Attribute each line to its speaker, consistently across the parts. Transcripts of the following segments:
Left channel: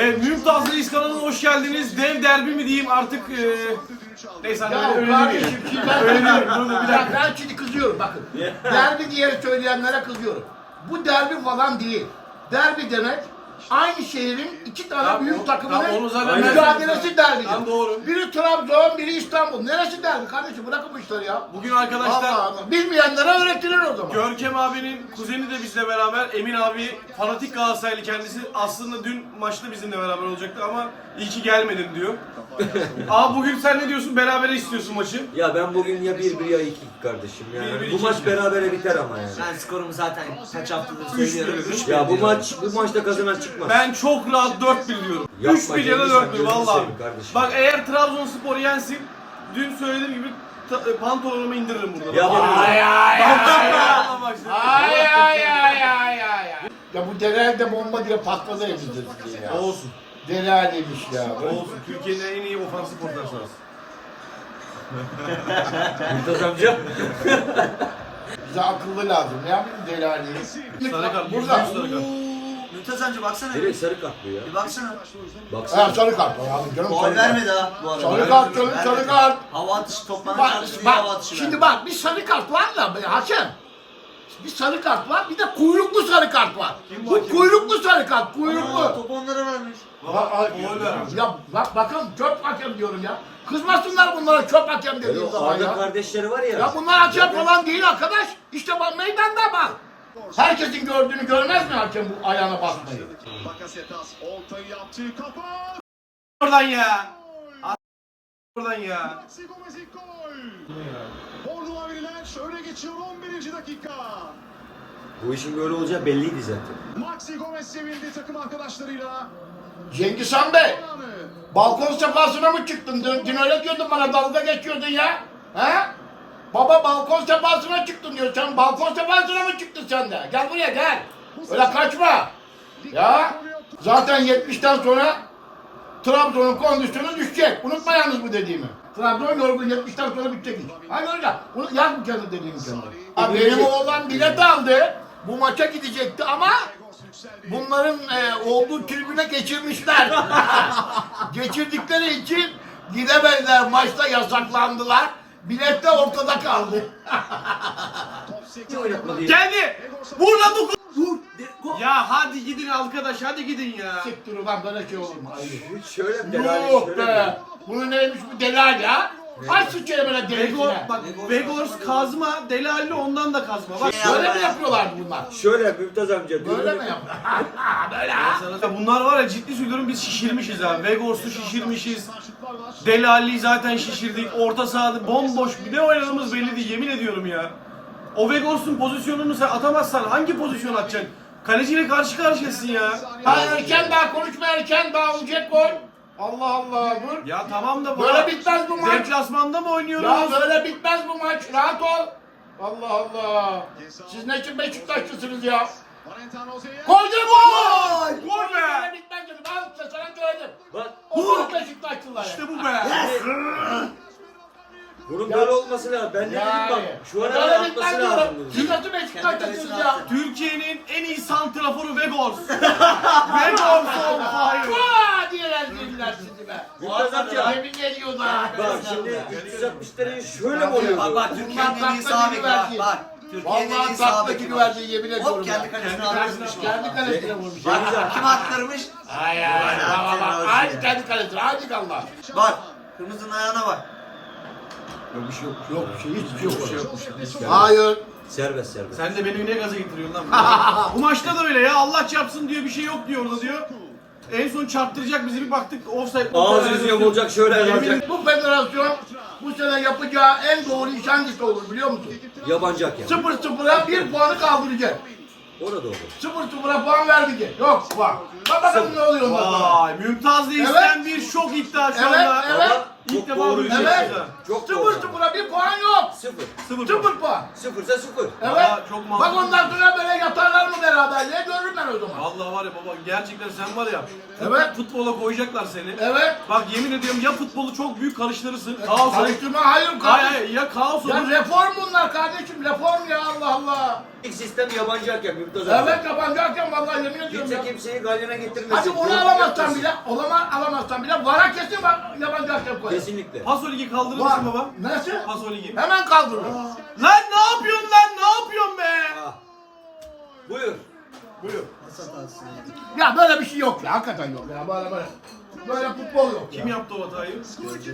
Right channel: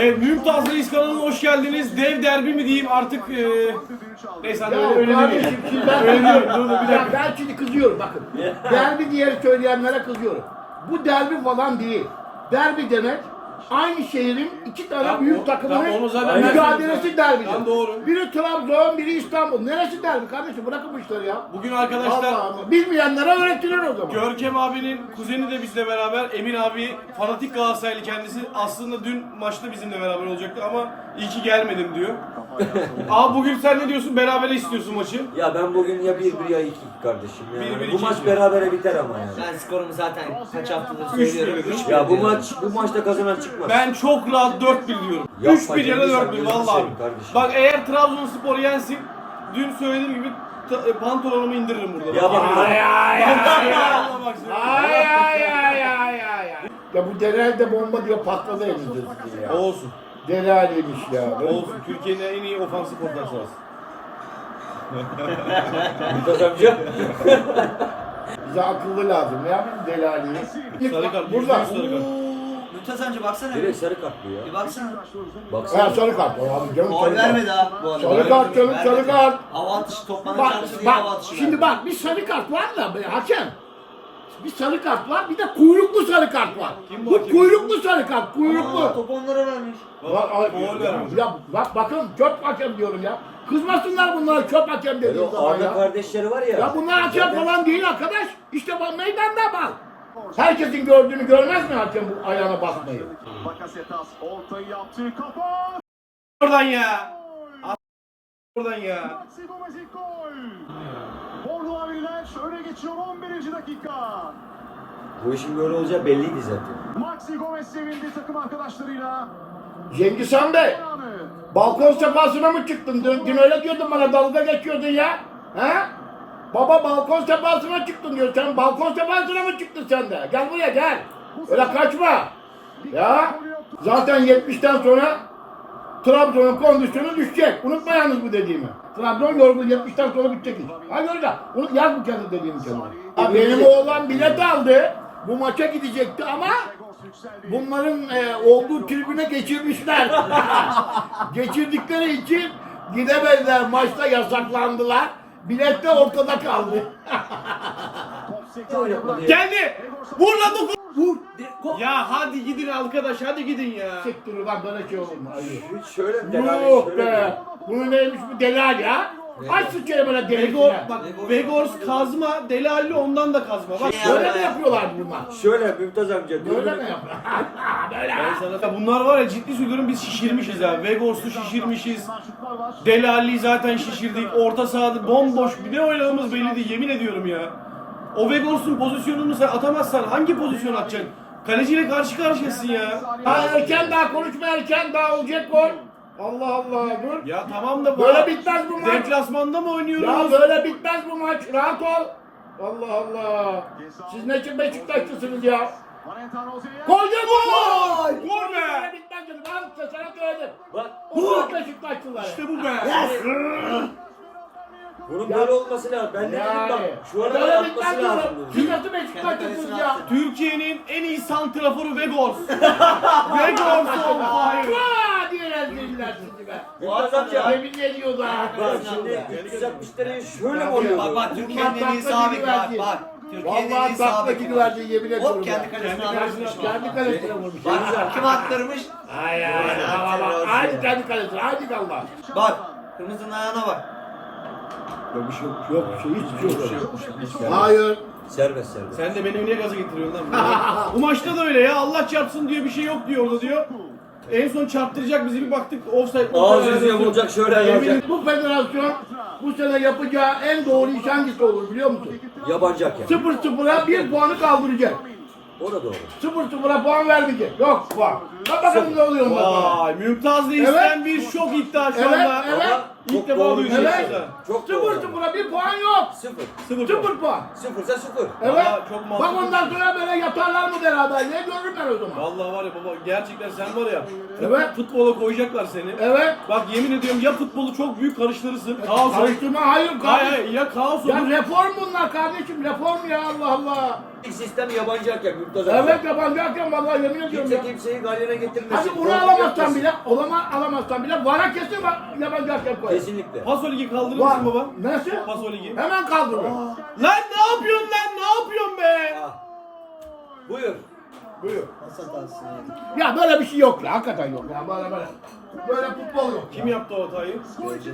Speaker 1: Evet, Mümtaz Reis kanalına hoş geldiniz. Dev derbi mi diyeyim artık neyse hani öyle demeyeyim. Öyle demeyeyim. Dur bir dakika.
Speaker 2: Ben şimdi kızıyorum bakın. Derbi diye söyleyenlere kızıyorum. Bu derbi falan değil. Derbi demek aynı şehrin iki tane
Speaker 1: Tamam,
Speaker 2: büyük takımının
Speaker 1: onu zaten
Speaker 2: mücadelesi derbidir.
Speaker 1: Tamam, doğru.
Speaker 2: Biri Trabzon, biri İstanbul. Neresi derbi kardeşim? Bırakın bu işleri ya.
Speaker 1: Bugün arkadaşlar
Speaker 2: Allah Allah. Bilmeyenlere öğretilir o zaman.
Speaker 1: Görkem abinin kuzeni de bizle beraber. Emin abi fanatik Galatasaraylı kendisi. Aslında dün maçta bizimle beraber olacaktı ama iyi ki gelmedin diyor. Abi bugün sen ne diyorsun? Berabere istiyorsun maçı.
Speaker 3: Ya ben bugün ya 1-1 ya 2-2 kardeşim. Yani
Speaker 1: 1-1,
Speaker 3: bu maç
Speaker 1: 2-2.
Speaker 3: berabere biter ama yani.
Speaker 4: Ben skorumu zaten kaç haftadır
Speaker 1: 3-1,
Speaker 4: söylüyorum.
Speaker 1: 3-1.
Speaker 3: Ya bu maçta kazanan çıkmaz.
Speaker 1: Ben çok rahat 4-1 diyorum.
Speaker 3: Yapma
Speaker 1: 3-1 ya da
Speaker 3: canım,
Speaker 1: 4-1
Speaker 3: gözünü
Speaker 1: vallahi.
Speaker 3: seveyim kardeşim.
Speaker 1: Bak eğer Trabzonspor yensin, dün söylediğim gibi pantolonumu indiririm burada.
Speaker 3: Ya
Speaker 1: Bak, yemin ederim.
Speaker 2: Ay ay ay
Speaker 1: Vallahi bak şimdi.
Speaker 2: ay ay ay ay ay. Ya bu Delal bomba diye patladı elimizde ya.
Speaker 1: Olsun.
Speaker 2: Delal demiş ya.
Speaker 1: Olsun. Türkiye'nin en iyi ofansif orta sahası.
Speaker 3: Mümtaz amca.
Speaker 2: Bize akıllı lazım ya bir Delali'yi.
Speaker 1: Sarı kart,
Speaker 2: Burada.
Speaker 1: yüzde yüz sarı kart.
Speaker 4: Mümtaz amca baksana.
Speaker 3: Direkt sarı kart bu ya.
Speaker 4: Bir baksana.
Speaker 3: Baksana.
Speaker 2: Ha sarı kart. Abi canım
Speaker 4: Gol
Speaker 2: sarı kart.
Speaker 4: vermedi ha bu arada.
Speaker 2: Sarı kart canım sarı kart.
Speaker 4: Hava atışı toplanma
Speaker 2: Bak,
Speaker 4: çarpısı diye hava
Speaker 2: bak
Speaker 4: atışı
Speaker 2: şimdi
Speaker 4: verdi.
Speaker 2: bak bir sarı kart var da hakem. Bir sarı kart var bir de kuyruklu sarı kart var.
Speaker 1: Kim bu
Speaker 2: Bu
Speaker 1: hakem?
Speaker 2: kuyruklu sarı kart
Speaker 4: Aa,
Speaker 2: kuyruklu.
Speaker 4: topu onlara vermiş.
Speaker 2: Ya bak bakın çöp hakem diyorum ya. Kızmasınlar bunlara çöp hakem dediğim
Speaker 3: Yani
Speaker 2: zaman
Speaker 3: Arda
Speaker 2: ya.
Speaker 3: kardeşleri var ya.
Speaker 2: Ya bunlar hakem
Speaker 3: zaten-
Speaker 2: falan değil arkadaş. İşte bak meydanda bak. Herkesin gördüğünü görmez mi hakem bu ayağına basmayı?
Speaker 5: Bakasetas ortayı yaptı. Kafa.
Speaker 1: Oradan ya. Oradan ya.
Speaker 5: Maxi Gomez ilk gol. Bordo Mavililer öne geçiyor 11. dakika.
Speaker 3: Bu işin böyle olacağı belliydi zaten.
Speaker 5: Maxi Gomez sevindi takım arkadaşlarıyla.
Speaker 2: Cengiz Han Bey,
Speaker 5: Anı.
Speaker 2: balkon sefasına mı çıktın? Dün öyle diyordun bana dalga geçiyordun ya. He? Baba balkon sefasına çıktın diyor. Sen balkon sefasına mı çıktın sen de? Gel buraya gel. Öyle kaçma. Ya zaten 70'ten sonra Trabzon'un kondisyonu düşecek. Unutma yalnız bu dediğimi. Trabzon yorgun 70'ten sonra bitecek iş. Hadi öyle. Unut, yaz bu kendi dediğimi kendine. Benim oğlan bilet aldı. Bu maça gidecekti ama bunların olduğu tribüne geçirmişler. Geçirdikleri için gidemediler. Maçta yasaklandılar. Bilet de ortada kaldı.
Speaker 1: Geldi. Vur lan dokun.
Speaker 2: Vur.
Speaker 1: Ya hadi gidin arkadaş, hadi gidin ya.
Speaker 2: Siktir ulan böyle şey olur mu? Hayır.
Speaker 3: Hiç şöyle delali
Speaker 2: Yok
Speaker 3: şöyle.
Speaker 2: be. Bu neymiş bu Delal ya? Aç sıçrayı böyle
Speaker 1: Vegor,
Speaker 2: delisine.
Speaker 1: bak Vegors kazma, Delali ondan da kazma. Bak
Speaker 2: Böyle mi yapıyorlar bunlar?
Speaker 3: Şöyle Mümtaz amca.
Speaker 2: Böyle mi yapıyorlar? Böyle ha?
Speaker 1: sana bunlar var ya, ciddi söylüyorum, biz şişirmişiz ha. Vegors'u şişirmişiz. Delali zaten şişirdik. Orta sahada bomboş. Bir de oynadığımız belli değil, yemin ediyorum ya. O Vegors'un pozisyonunu sen atamazsan hangi pozisyon atacaksın? Kaleciyle karşı karşıyasın ya.
Speaker 2: Ha erken daha konuşma erken daha olacak gol. Allah Allah dur.
Speaker 1: Ya tamam da
Speaker 2: Böyle bitmez bu maç.
Speaker 1: deplasmanda mı
Speaker 2: Ya
Speaker 1: oynuyoruz?
Speaker 2: böyle bitmez bu maç. Rahat ol. Allah Allah. Siz ne için Beşiktaşlısınız ya?
Speaker 5: Valentin Rozi'ye.
Speaker 2: Koydun gol!
Speaker 1: Gol be!
Speaker 2: Böyle bitmez canım. Al sana söyledim.
Speaker 3: Bak
Speaker 2: Onlar Beşiktaşlılar.
Speaker 1: İşte bu be.
Speaker 3: bunun böyle olması lazım. Ben de dedim bak. Şu an
Speaker 2: böyle
Speaker 3: atması
Speaker 2: bitmez
Speaker 3: lazım.
Speaker 2: diyorum. Siz nasıl Beşiktaşlısınız ya?
Speaker 1: Türkiye'nin en iyi santraforu Vegors. Vegors on fire.
Speaker 2: Aa diyeler girdiler sizi be.
Speaker 3: Mümtaz amca.
Speaker 2: Yemin ediyorlar.
Speaker 3: Bak şimdi 360 derece şöyle mi oluyor
Speaker 4: Bak
Speaker 3: bu?
Speaker 4: bak Türkiye'nin en iyi sağ bek bak bak. Türkiye'nin en iyi
Speaker 2: Vallahi
Speaker 4: sağ
Speaker 2: takla
Speaker 4: beki
Speaker 2: gibi
Speaker 4: var.
Speaker 2: verdi yemin ediyorum
Speaker 4: Hop
Speaker 2: ya.
Speaker 4: kendi kalesine
Speaker 1: Kendi
Speaker 4: attırmış.
Speaker 2: Kendi kalesine vurmuş.
Speaker 4: Bak kim attırmış?
Speaker 2: Ay ay ay. Hadi kendi kalesine. Hadi Allah.
Speaker 4: Bak kırmızının ayağına bak.
Speaker 2: Yok bir şey yok. Yok bir şey hiçbir şey yok. Hayır.
Speaker 3: Serbest serbest.
Speaker 1: Sen de beni ne gaza getiriyorsun lan? Bu maçta da öyle ya. Allah çarpsın diyor, bir şey yok diyor orada diyor. En son çarptıracak bizi, bir baktık offside.
Speaker 3: Ağız yüzü yamulacak şöyle yapacak.
Speaker 2: Bu federasyon bu sene yapacağı en doğru iş hangisi olur biliyor musun?
Speaker 3: Yabancı hakem.
Speaker 2: 0-0'a 1 puanı kaldıracak.
Speaker 3: O da doğru.
Speaker 2: 0-0'a puan vermeyecek. Yok puan. Bak bakalım ne oluyor bundan sonra.
Speaker 1: Vay, Mümtaz Reis'ten bir şok iddia şu
Speaker 2: Evet,
Speaker 1: anda.
Speaker 2: evet.
Speaker 1: İlk
Speaker 3: Çok
Speaker 1: defa
Speaker 3: doğru
Speaker 1: duyuyoruz
Speaker 2: Evet.
Speaker 1: ya.
Speaker 3: Çok doğru.
Speaker 2: 0-0'a bir puan yok.
Speaker 3: Sıfır.
Speaker 1: 0
Speaker 2: 0 puan.
Speaker 3: Sıfırsa sıfır.
Speaker 2: Evet.
Speaker 1: Valla çok
Speaker 2: Bak
Speaker 1: mantıklı.
Speaker 2: ondan sonra böyle yatarlar mı beraberliğe görürler o zaman.
Speaker 1: Vallahi var ya baba gerçekten sen var ya.
Speaker 2: Evet.
Speaker 1: Futbola koyacaklar seni.
Speaker 2: Evet.
Speaker 1: Bak yemin ediyorum ya futbolu çok büyük karıştırırsın. Kaos olur.
Speaker 2: Karıştırma hayır
Speaker 1: Hayır
Speaker 2: kardeşim.
Speaker 1: hayır ya kaos
Speaker 2: Ya
Speaker 1: olur.
Speaker 2: reform bunlar kardeşim reform ya Allah Allah.
Speaker 3: İlk sistem yabancı hakem Mümtaz abi.
Speaker 2: Evet yabancı hakem vallahi yemin ediyorum ya.
Speaker 3: Kimse kimseyi galyana getirmesin.
Speaker 2: Hadi onu
Speaker 3: Korkut
Speaker 2: alamazsan
Speaker 3: yapmasın.
Speaker 2: bile, alamazsan bile vara kesin yabancı hakem koyar.
Speaker 3: Kesinlikle.
Speaker 1: Paso ligi kaldırır
Speaker 2: Var.
Speaker 1: mısın baba?
Speaker 2: Nasıl?
Speaker 1: Paso ligi.
Speaker 2: Hemen kaldırır.
Speaker 1: Lan ne yapıyorsun lan ne yapıyorsun be?
Speaker 3: Ah. Buyur.
Speaker 2: Buyur. Ya böyle bir şey yok ya hakikaten yok ya böyle. Böyle futbol yok.
Speaker 1: Kim yaptı o hatayı?
Speaker 5: Skor 2-1.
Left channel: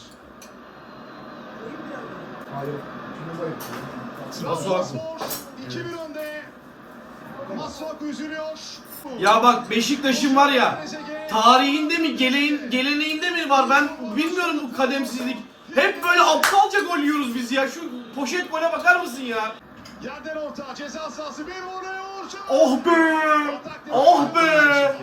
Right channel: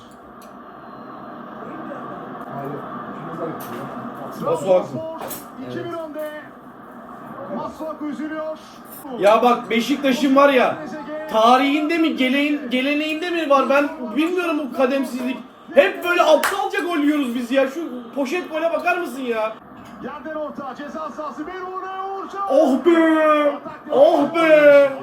Speaker 5: Trabzonspor 2-1 önde. Masuaku üzülüyor.
Speaker 1: Ya bak Beşiktaş'ın var ya tarihinde mi geleneğinde mi var ben bilmiyorum bu kademsizlik. Hep böyle aptalca gol yiyoruz biz ya. Şu poşet gole bakar mısın ya?
Speaker 5: Yerden orta ceza sahası bir oraya Uğurcan.
Speaker 1: Oh be! Oh be!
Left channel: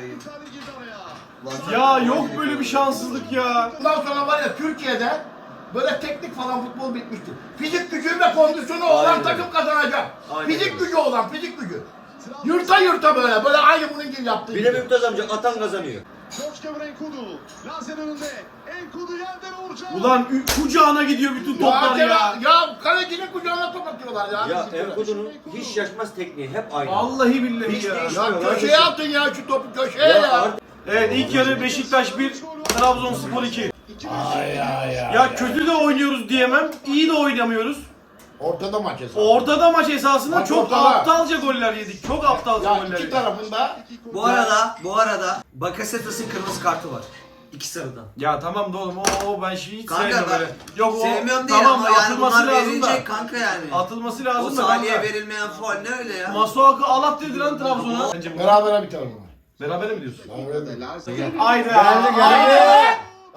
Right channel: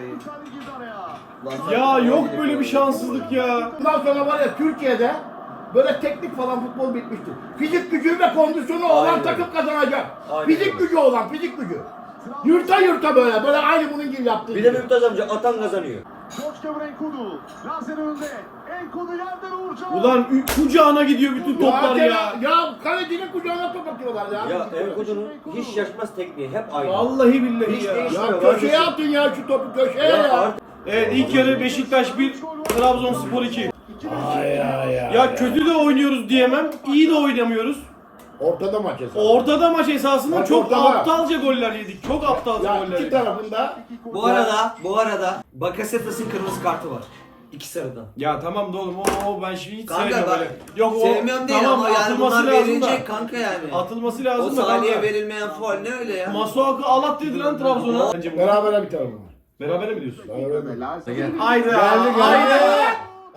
Speaker 1: Ya yok böyle bir şanssızlık ya.
Speaker 2: Bundan sonra var ya Türkiye'de böyle teknik falan futbol bitmiştir. Fizik gücü ve kondisyonu olan
Speaker 3: Aynen.
Speaker 2: takım kazanacak.
Speaker 3: Aynen
Speaker 2: Fizik
Speaker 3: öyle.
Speaker 2: gücü olan fizik gücü. Yurta böyle aynı bunun gibi yaptığı
Speaker 3: Bir de
Speaker 2: gibi.
Speaker 3: Mümtaz amca atan kazanıyor.
Speaker 5: George Enkudu. Lazer önünde. Enkudu yerden Uğurcan.
Speaker 1: Ulan kucağına gidiyor bütün toplar ya.
Speaker 2: Ya kalecinin kucağına top atıyorlar ya.
Speaker 3: Ya
Speaker 2: Bizim böyle.
Speaker 3: Enkudu'nun hiç şaşmaz tekniği hep aynı.
Speaker 1: Vallahi billahi
Speaker 3: Hiç
Speaker 1: ya.
Speaker 3: değişmiyor.
Speaker 2: Ya köşeye atın ya şu topu köşeye ya.
Speaker 3: artık
Speaker 1: Evet ilk yarı Beşiktaş 1, Trabzonspor 2.
Speaker 2: Ay.
Speaker 1: Ya kötü de oynuyoruz diyemem, iyi de oynamıyoruz.
Speaker 2: Ortada maç hesabı.
Speaker 1: Ortada maç esasında
Speaker 2: Maç
Speaker 1: çok
Speaker 2: ortada.
Speaker 1: aptalca goller yedik. Çok aptalca
Speaker 2: Ya
Speaker 1: goller
Speaker 2: iki
Speaker 1: yedik.
Speaker 2: tarafında
Speaker 4: Bu arada Bakasetas'ın kırmızı kartı var. İki sarıdan.
Speaker 1: Ya tamam da oğlum ben şimdi hiç
Speaker 4: Kanka
Speaker 1: sevmiyorum
Speaker 4: ben
Speaker 1: öyle. Yok o
Speaker 4: sevmiyorum değil
Speaker 1: tamam
Speaker 4: ama yani
Speaker 1: atılması
Speaker 4: bunlar
Speaker 1: lazım da.
Speaker 4: verilecek kanka yani.
Speaker 1: Atılması
Speaker 4: O
Speaker 1: lazım da
Speaker 4: Salih'e
Speaker 1: kanka.
Speaker 4: verilmeyen faul ne öyle ya?
Speaker 1: Masuaku alat dedi lan Trabzon'a. Bence bu.
Speaker 2: berabere biter bu.
Speaker 1: Berabere mi diyorsun?
Speaker 2: Berabere.
Speaker 1: Haydi
Speaker 2: Geldi.
Speaker 1: haydi.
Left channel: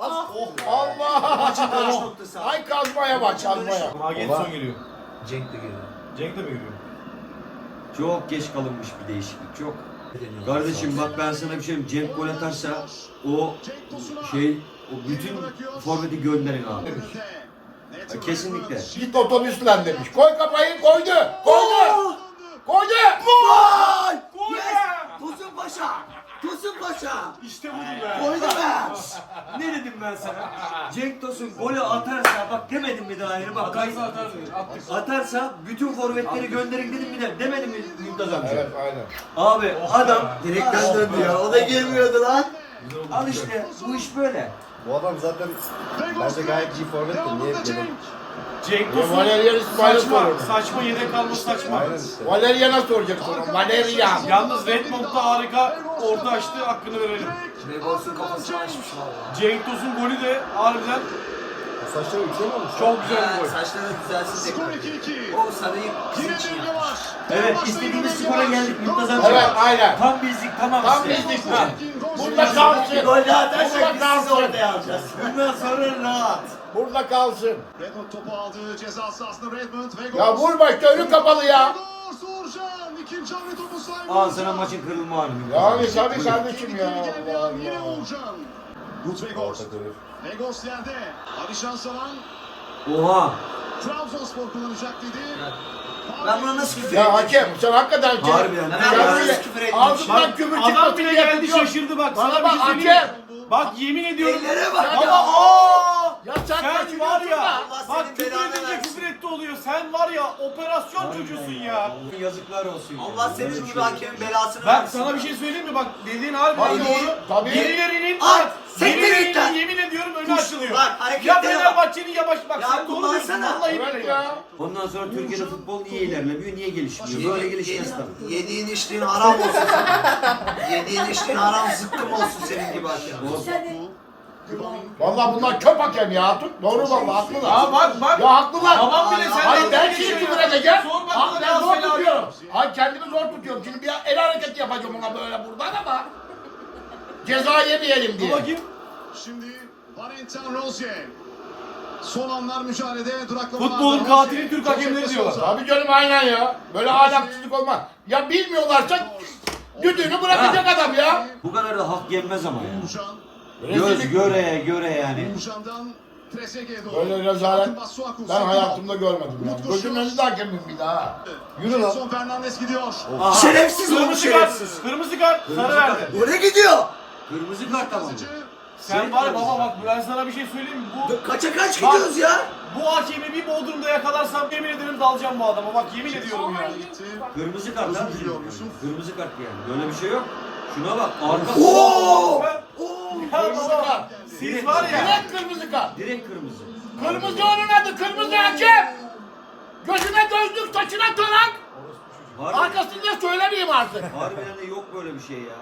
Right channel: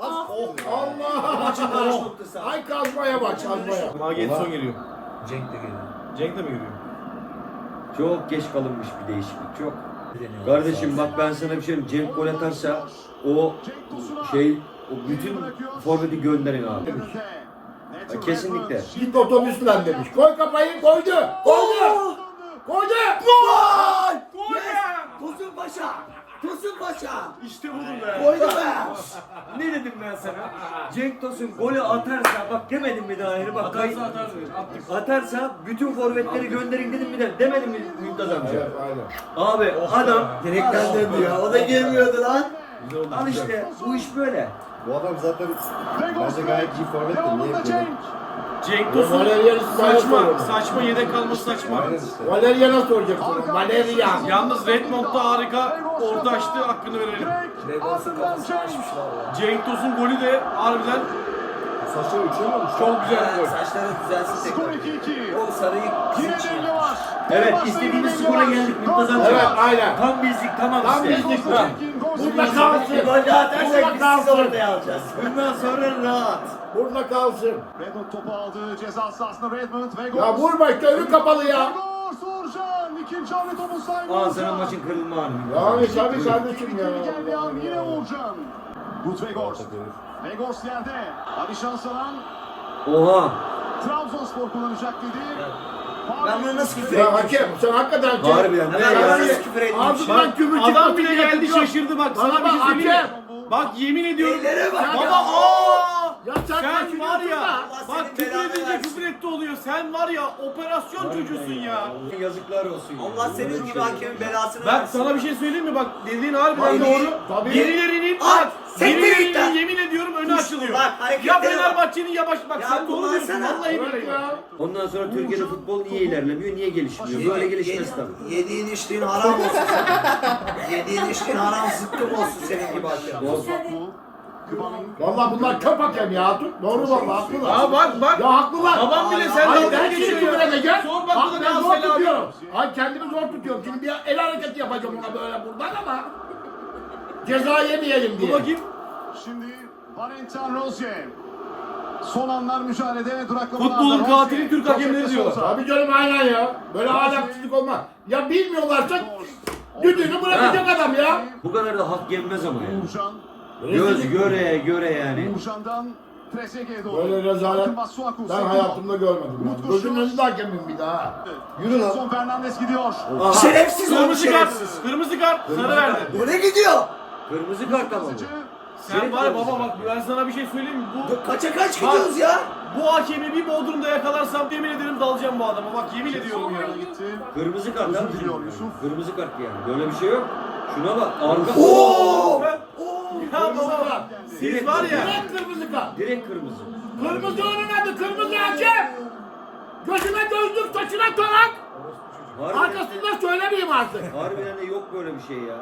Speaker 2: Allah!
Speaker 4: Maçın dönüş noktası.
Speaker 2: Ay kazmaya bak kazmaya.
Speaker 1: Magetson geliyor.
Speaker 4: Cenk de geliyor.
Speaker 1: Cenk de mi geliyor?
Speaker 3: çok geç kalınmış bir değişiklik çok. Kardeşim bak ben sana bir şey diyeyim. Cenk gol atarsa o o bütün forveti gönderin abi. Ya kesinlikle.
Speaker 2: Git otobüsle demiş. Koy kafayı koydu. Koydu. Koydu.
Speaker 4: Gol! Tosun Paşa! Tosun Paşa!
Speaker 1: İşte budur be.
Speaker 4: Koydu be!
Speaker 3: Ne dedim ben sana? Cenk Tosun golü atarsa bak demedim mi daha yeni bak.
Speaker 1: Atarsa attık.
Speaker 3: Atarsa bütün forvetleri gönderin dedim mi de demedim mi Mümtaz amca?
Speaker 2: Evet aynen.
Speaker 3: Abi adam
Speaker 4: Direkten döndü ya. O da girmiyordu lan.
Speaker 3: al işte bu iş böyle.
Speaker 6: Bu adam zaten bence gayet iyi forvet de niye
Speaker 5: Devamında
Speaker 6: yapıyor?
Speaker 5: Cenk.
Speaker 1: Cenk Tosun
Speaker 2: Valerian İsmail'e
Speaker 1: saçma.
Speaker 2: soruyorum.
Speaker 1: Saçma yedek kalması saçma.
Speaker 6: Aynen işte.
Speaker 2: Valerian'a soracaksın. Valerian.
Speaker 1: Yalnız Redmond'da harika orta açtı hakkını verelim.
Speaker 4: Begos'un kafasını açmış valla.
Speaker 1: Cenk Tosun golü de harbiden
Speaker 6: Saçları yükseliyormuş.
Speaker 1: çok güzel bir gol.
Speaker 4: Saçları düzelsin
Speaker 5: Skor
Speaker 4: tekrar.
Speaker 5: 2-2.
Speaker 4: O sarıyı
Speaker 5: Yine
Speaker 4: bizim için
Speaker 5: devre
Speaker 4: yapmış.
Speaker 5: var.
Speaker 3: Evet
Speaker 5: Başta
Speaker 3: istediğimiz
Speaker 5: yine
Speaker 3: skora
Speaker 5: devre var.
Speaker 3: geldik Mümtaz amca.
Speaker 2: Evet aynen.
Speaker 3: Tam bizlik tamam
Speaker 2: Tam
Speaker 3: işte.
Speaker 2: bizlik.
Speaker 3: Ha.
Speaker 2: Burada kalsın.
Speaker 4: Gol daha atarsak
Speaker 2: Burada
Speaker 4: biz sizi
Speaker 2: kalsın.
Speaker 4: ortaya alacağız.
Speaker 3: Bundan sonra rahat.
Speaker 2: Burada kalsın.
Speaker 5: Redmond topu aldı. Ceza sahasında Redmond. Vegos.
Speaker 2: Ya vurma işte önü kapalı ya.
Speaker 5: Vegos Uğurcan. İkinci hamle topu sahibi
Speaker 3: Al
Speaker 5: Uğurcan.
Speaker 3: sana maçın kırılma anı.
Speaker 2: Yani tabii kardeşim ya.
Speaker 5: Tehlikeli geldi
Speaker 2: Allah
Speaker 5: an yine
Speaker 2: Allah.
Speaker 5: Uğurcan. Gut Vegos. Vegos yerde. Alişan Saran.
Speaker 3: Oha.
Speaker 5: Trabzonspor kullanacak dedi.
Speaker 4: Ben buna nasıl küfür
Speaker 2: Ya
Speaker 4: ettim?
Speaker 2: hakem sen hakikaten kim?
Speaker 3: Harbiden.
Speaker 4: Ben
Speaker 3: Ya,
Speaker 4: buna
Speaker 3: yani-
Speaker 4: nasıl küfür ettim?
Speaker 2: Ağzından kümür
Speaker 1: Adam
Speaker 2: çıkmasın
Speaker 1: bile
Speaker 2: diye
Speaker 1: geldi
Speaker 2: tutuyor.
Speaker 1: şaşırdı bak.
Speaker 2: Bana
Speaker 1: Sana bir
Speaker 2: bak
Speaker 1: şey söyleyeyim mi?
Speaker 2: hakem.
Speaker 1: Bak yemin ediyorum.
Speaker 4: Ellere bak.
Speaker 1: Baba aa!
Speaker 2: Ya sen
Speaker 1: Sen var
Speaker 2: kaçırıyorsun
Speaker 1: ya.
Speaker 2: da.
Speaker 4: Allah
Speaker 1: Bak
Speaker 4: senin
Speaker 1: küfür
Speaker 4: belanı
Speaker 1: edince
Speaker 4: versin.
Speaker 1: küfür etti oluyor. Sen var ya operasyon çocuğusun ya.
Speaker 3: Yazıklar olsun. ya.
Speaker 4: Allah
Speaker 3: Böyle
Speaker 4: senin
Speaker 3: bir
Speaker 4: gibi
Speaker 3: şey
Speaker 4: hakemin belasını
Speaker 1: Bak
Speaker 4: versin.
Speaker 1: sana bir şey söyleyeyim mi? Bak dediğin harbiden
Speaker 4: Tabii,
Speaker 1: doğru.
Speaker 2: tabii.
Speaker 1: Birilerinin
Speaker 4: Ay,
Speaker 1: bak
Speaker 4: sektir git
Speaker 1: birilerinin
Speaker 4: lan.
Speaker 1: yemin ediyorum önü
Speaker 4: Kuş,
Speaker 1: açılıyor.
Speaker 4: bak, hareketlere
Speaker 1: Ya
Speaker 4: bak.
Speaker 1: Fenerbahçe'nin ya bak
Speaker 4: Ya
Speaker 1: sen doğru diyorsun
Speaker 4: kullansana.
Speaker 1: vallahi
Speaker 2: Evet
Speaker 1: billahi.
Speaker 2: ya.
Speaker 3: Ondan sonra Türkiye'de futbol niye ilerlemiyor, niye gelişmiyor? Böyle gelişmez tabii.
Speaker 4: Yediğin içtiğin haram olsun senin. Yediğin içtiğin haram zıkkım olsun senin gibi hakem.
Speaker 2: Vallahi bunlar çöp hakem ya. Doğru vallahi haklılar.
Speaker 1: Aa bak.
Speaker 2: Ya haklılar.
Speaker 1: Babam bile sen
Speaker 2: Hayır
Speaker 1: dalga
Speaker 2: ben
Speaker 1: geçiyor
Speaker 2: şimdi
Speaker 1: ya.
Speaker 2: küfür edeceğim.
Speaker 1: Sor bak
Speaker 2: Bak
Speaker 1: buna
Speaker 2: ben zor
Speaker 1: Galatasaray abi.
Speaker 2: tutuyorum. Ay kendimi zor tutuyorum. Şimdi bir el hareketi yapacağım ona böyle buradan ama ceza yemeyelim
Speaker 1: Dur
Speaker 2: diye.
Speaker 1: bakayım.
Speaker 5: Şimdi Valentin Rozier. Son anlar mücadelede duraklamalar.
Speaker 1: Futbolun katili Türk hakemleri diyorlar.
Speaker 2: Abi canım aynen ya. Böyle ahlaksızlık olmaz. Ya bilmiyorlarsa düdüğünü bırakacak adam ya.
Speaker 3: Bu kadar da hak yenmez ama ya.
Speaker 5: Uğurcan.
Speaker 3: Göz göre göre yani.
Speaker 5: Uğurcan'dan Trezeguet'e doğru.
Speaker 2: Böyle rezalet
Speaker 5: Bakın Masuaku,
Speaker 2: ben
Speaker 5: Sokulov.
Speaker 2: hayatımda görmedim.
Speaker 5: Umut
Speaker 2: Yani. Gözümün
Speaker 5: koşuyor.
Speaker 2: önünde hakemim bir daha.
Speaker 6: Yürü lan.
Speaker 5: Son Fernandes gidiyor.
Speaker 4: Şerefsiz olmuş
Speaker 1: Kırmızı kart.
Speaker 4: şerefsiz.
Speaker 1: Kırmızı kart. Sarı verdi.
Speaker 4: Oraya gidiyor.
Speaker 3: Kırmızı kart ama bu.
Speaker 1: Sen var ya baba bak ben sana bir şey söyleyeyim mi?
Speaker 4: Kaça kaç
Speaker 1: Bak.
Speaker 4: gidiyoruz ya?
Speaker 1: Bu hakemi bir Bodrum'da yakalarsam yemin ederim dalacağım bu adama. Bak yemin ediyorum ya.
Speaker 5: Gitti.
Speaker 3: Kırmızı kart
Speaker 5: Özür
Speaker 3: abi.
Speaker 5: diliyor Yusuf.
Speaker 3: Kırmızı kart yani. Böyle bir şey yok. Şuna bak. Arka.
Speaker 4: Oo!
Speaker 1: Ya
Speaker 2: Kırmızı
Speaker 1: baba
Speaker 2: kart.
Speaker 1: siz var ya.
Speaker 2: Direkt kırmızı kart.
Speaker 3: Direkt kırmızı.
Speaker 2: Kırmızı onun adı, kırmızı hakem. Gözüne gözlük, saçına tonak. Arkasında söylemeyeyim artık.
Speaker 3: Harbiden de yok böyle bir şey ya.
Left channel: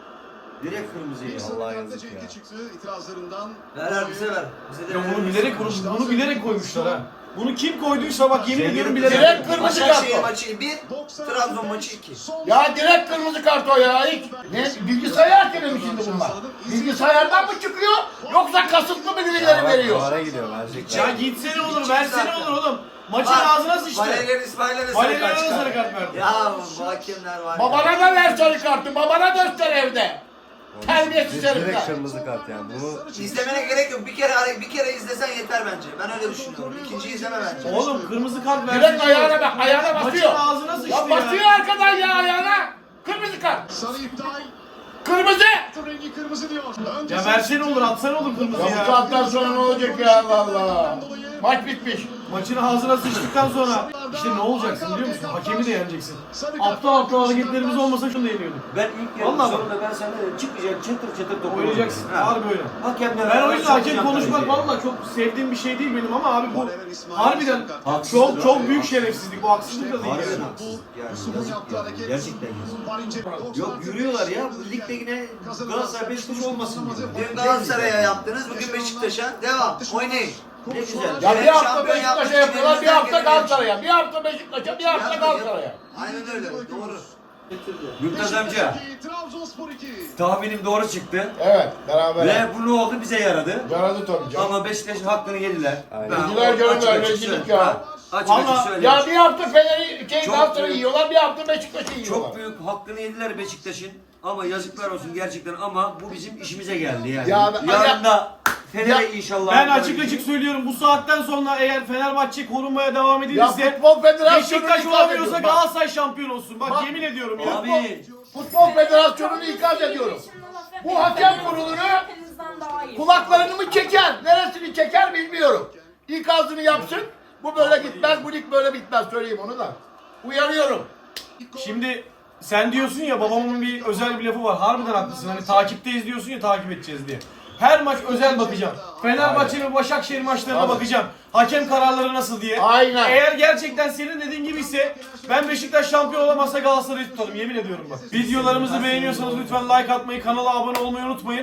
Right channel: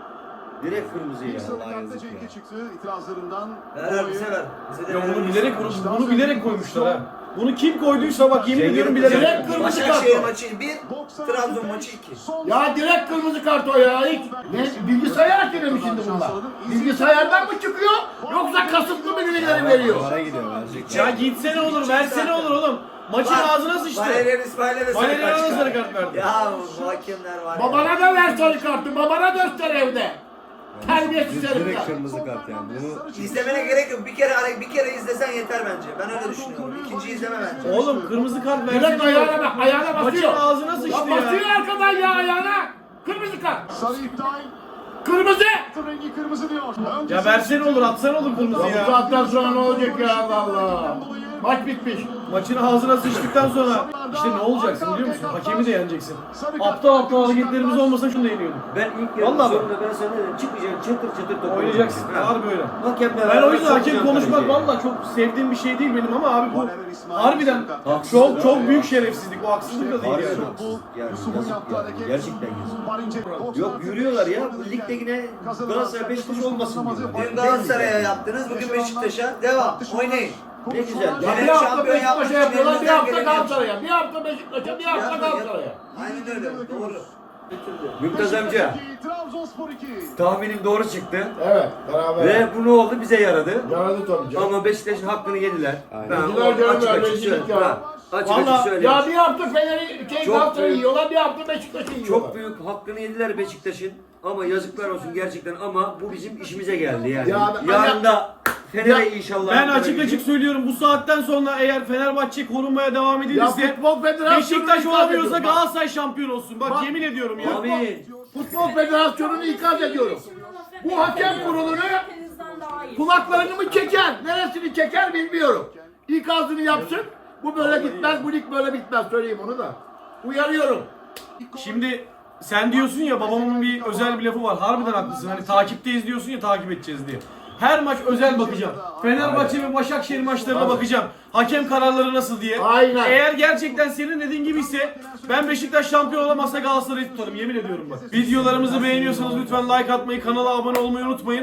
Speaker 3: Direkt kırmızı ya.
Speaker 5: Bir sarı kartla Cenk'e çıktı itirazlarından.
Speaker 4: Ver bize ver. Bize de
Speaker 1: Ya
Speaker 4: ver.
Speaker 1: bunu bilerek bunu bilerek koymuşlar ha. Bunu kim koyduysa bak yemin ediyorum bilerek.
Speaker 2: Direkt kırmızı kart
Speaker 4: Başakşehir
Speaker 2: o.
Speaker 4: maçı 1, Trabzon maçı 2.
Speaker 2: Ya direkt kırmızı kart o ya. Hiç, ne, bilgisayar hakemi mi şimdi bunlar? Bilgisayardan mı çıkıyor yoksa kasıtlı mı birileri veriyor?
Speaker 6: Para gidiyor verecek.
Speaker 1: Ya gitsene olur, versene olur oğlum. Maçın ağzına sıçtı.
Speaker 4: Valerian İsmail'e de sarı
Speaker 1: Valerian'a
Speaker 4: kart
Speaker 1: da sarı
Speaker 4: çıkardı.
Speaker 1: kart verdi.
Speaker 4: Ya bu hakemler var ya.
Speaker 2: Babana da ver sarı kartı, babana göster evde. Terbiyesiz
Speaker 6: Direkt
Speaker 2: herifler.
Speaker 6: kırmızı kart yani. Bunu
Speaker 4: İzlemene gerek yok. Bir kere izlesen yeter bence. Ben öyle düşünüyorum. İkinciyi izleme bence.
Speaker 1: Oğlum kırmızı kart versin.
Speaker 2: Direkt ayağına bak, ayağına
Speaker 1: Maçın
Speaker 2: basıyor.
Speaker 1: ağzına sıçtı
Speaker 2: Ya basıyor
Speaker 1: ya.
Speaker 2: arkadan ya ayağına. Kırmızı kart.
Speaker 5: Sarı iptal.
Speaker 2: Kırmızı.
Speaker 5: Rengi kırmızı diyor.
Speaker 1: Ya versene olur, atsana olur kırmızı
Speaker 2: Ya bu
Speaker 1: ya.
Speaker 2: saatten sonra ne olacak ya Allah Allah. Maç bitmiş.
Speaker 1: Maçın ağzına sıçtıktan sonra işte ne olacaksın biliyor musun? Hakemi de yeneceksin. Aptal aptal hareketlerimiz olmasa şunu da yeniyorduk.
Speaker 3: Ben ilk yarının
Speaker 1: Vallahi bak.
Speaker 3: sonunda ben sana dedim çıkmayacaksın çatır çatır top
Speaker 1: Oynayacaksın.
Speaker 3: oynayacaksın. Ha.
Speaker 1: Harbi öyle.
Speaker 3: Hakemler
Speaker 1: Ben o yüzden hakem
Speaker 3: sokacağım
Speaker 1: konuşmak
Speaker 3: kaleciye.
Speaker 1: valla çok sevdiğim bir şey değil benim ama abi bu harbiden
Speaker 3: Haksızlık
Speaker 1: çok
Speaker 3: abi
Speaker 1: büyük
Speaker 3: ya.
Speaker 1: şerefsizlik. Bu haksızlık da değil
Speaker 3: Harbiden
Speaker 1: yani.
Speaker 3: haksızlık yani. Yazık yani. Gerçekten yazık. Yok yürüyorlar ya. Bu ligde yine Galatasaray Beşiktaş olmasın diyor.
Speaker 4: Dün Galatasaray'a yaptınız, bugün Beşiktaş'a. Devam. Oynayın.
Speaker 3: Ne güzel.
Speaker 2: Ya
Speaker 4: Evet,
Speaker 2: bir hafta
Speaker 4: şampiyon
Speaker 2: Beşiktaş'a
Speaker 4: yapmak için
Speaker 2: yapıyorlar, bir hafta
Speaker 4: elimizden geleni
Speaker 2: Galatasaray'a. Bir hafta Beşiktaş'a, bir hafta Galatasaray'a.
Speaker 4: Aynen öyle. Doğru.
Speaker 3: Mümtaz amca
Speaker 5: Trabzonspor 2.
Speaker 3: tahminim doğru çıktı.
Speaker 2: Evet, beraber.
Speaker 3: Ve bu ne oldu? Bize yaradı.
Speaker 2: Yaradı tabii canım.
Speaker 3: Ama Beşiktaş'ın hakkını yediler.
Speaker 6: Aynen.
Speaker 3: Ben
Speaker 2: Yediler canım,
Speaker 3: açık
Speaker 2: öyle
Speaker 3: açık
Speaker 2: dedik
Speaker 3: söyleyeyim.
Speaker 2: ya.
Speaker 3: Ha, Açık
Speaker 1: Vallahi
Speaker 3: açık söyleyeyim.
Speaker 2: Ya bir hafta Fener'i,
Speaker 3: Çok
Speaker 2: Galatasaray'ı
Speaker 3: büyük.
Speaker 2: yiyorlar, bir hafta Beşiktaş'ı yiyorlar.
Speaker 3: Çok büyük hakkını yediler Beşiktaş'ın. Ama yazıklar olsun gerçekten ama bu bizim işimize geldi yani.
Speaker 2: Ya ben-
Speaker 3: Yarın da Fener'e
Speaker 2: Ya-
Speaker 3: inşallah.
Speaker 1: Ben açık açık söylüyorum bu saatten sonra eğer Fenerbahçe korunmaya devam
Speaker 2: Ya
Speaker 1: edilirse
Speaker 2: Futbol Federasyonu
Speaker 1: Beşiktaş
Speaker 2: ikaz
Speaker 1: olamıyorsa
Speaker 2: ediyorum.
Speaker 1: Galatasaray şampiyon olsun. Bak
Speaker 2: Bak-
Speaker 1: yemin ediyorum ya.
Speaker 3: Amin.
Speaker 2: Futbol Federasyonu'nu ikaz ediyorum. Bu hakem kurulunu kulaklarını mı çeker, neresini çeker bilmiyorum. İkazını yapsın. Bu böyle gitmez, bu lig böyle bitmez. Söyleyeyim onu da. Uyarıyorum.
Speaker 1: Şimdi sen diyorsun ya babamın bir özel bir lafı var. Harbiden haklısın. Hani takipteyiz diyorsun ya takip edeceğiz diye. Her maç özel bakacağım. Fenerbahçe ve Başakşehir maçlarına bakacağım. Hakem kararları nasıl diye.
Speaker 2: Aynen.
Speaker 1: Eğer gerçekten senin dediğin gibi ise ben Beşiktaş şampiyon olamazsa Galatasaray'ı tutarım. Yemin ediyorum bak. Videolarımızı beğeniyorsanız lütfen like atmayı, kanala abone olmayı unutmayın.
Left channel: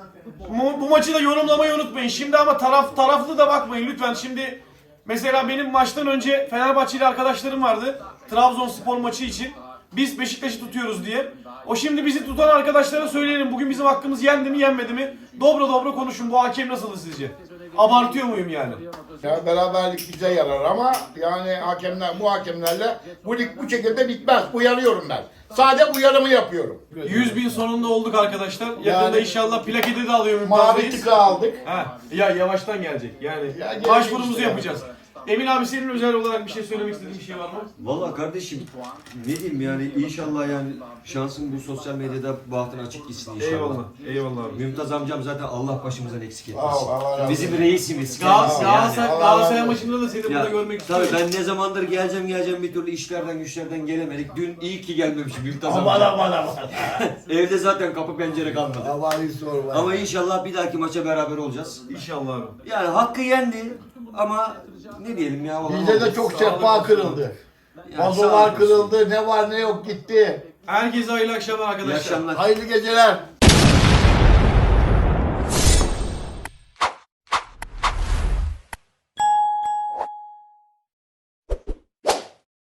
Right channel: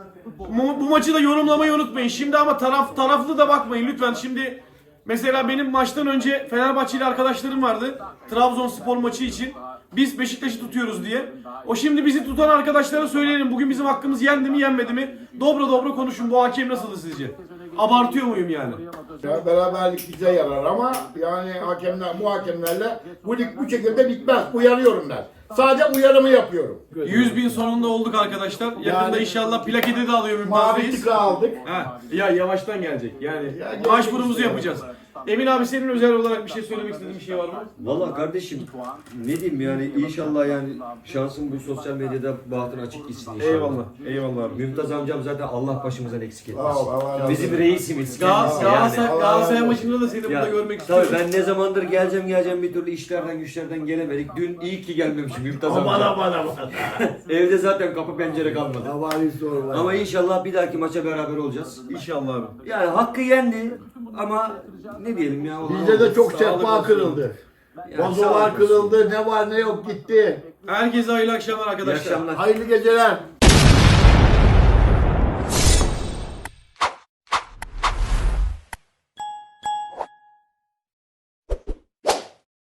Speaker 1: Bu maçı da yorumlamayı unutmayın. Şimdi ama taraflı da bakmayın lütfen. Şimdi mesela benim maçtan önce Fenerbahçeli arkadaşlarım vardı. Trabzonspor maçı için. Biz Beşiktaş'ı tutuyoruz diye. O şimdi bizi tutan arkadaşlara söyleyelim. Bugün bizim hakkımız yendi mi yenmedi mi? Dobra dobra konuşun. Bu hakem nasıldı sizce? Abartıyor muyum yani?
Speaker 2: Ya beraberlik bize yarar ama yani bu hakemlerle bu lig bu şekilde bitmez. Uyarıyorum ben. Sadece uyarımı yapıyorum.
Speaker 1: 100.000 sonunda olduk arkadaşlar. Yakında
Speaker 2: Yani-
Speaker 1: inşallah plaketi de alıyor Mümtaz
Speaker 2: Mavi
Speaker 1: Reis.
Speaker 2: tika aldık.
Speaker 1: Ha, ya yavaştan gelecek. Yani
Speaker 2: gelecek
Speaker 1: başvurumuzu
Speaker 2: işte.
Speaker 1: yapacağız. Emin abi senin özel olarak bir şey söylemek istediğin bir şey var mı?
Speaker 3: Valla kardeşim ne diyeyim yani inşallah yani şansım bu sosyal medyada bahtın açık gitsin inşallah.
Speaker 1: Eyvallah. Eyvallah abi.
Speaker 3: Mümtaz amcam zaten Allah başımızdan eksik etmesin.
Speaker 2: Allah razı olsun.
Speaker 3: Bizim reisimiz. kendisi
Speaker 1: Galatasaray
Speaker 2: Allah
Speaker 1: Galatasaray
Speaker 2: razı
Speaker 1: maçında da seni burada
Speaker 3: Ya,
Speaker 1: görmek
Speaker 3: tabii
Speaker 1: istiyorum.
Speaker 3: ben ne zamandır geleceğim bir türlü işlerden güçlerden gelemedik. Dün iyi ki gelmemişim Mümtaz amca.
Speaker 2: Bana.
Speaker 3: Evde zaten kapı pencere kalmadı.
Speaker 2: Havali soru var.
Speaker 3: Ama inşallah bir dahaki maça beraber olacağız.
Speaker 1: İnşallah abi.
Speaker 3: Yani hakkı yendi ama ne diyelim ya. olan
Speaker 2: Bizde de
Speaker 3: oldu.
Speaker 2: çok sehpa kırıldı.
Speaker 3: Yani sağ
Speaker 2: Vazolar
Speaker 3: olun.
Speaker 2: kırıldı. Ne var ne yok gitti.
Speaker 1: Herkese hayırlı akşamlar
Speaker 3: İyi
Speaker 1: arkadaşlar.
Speaker 3: akşamlar.
Speaker 2: Hayırlı geceler.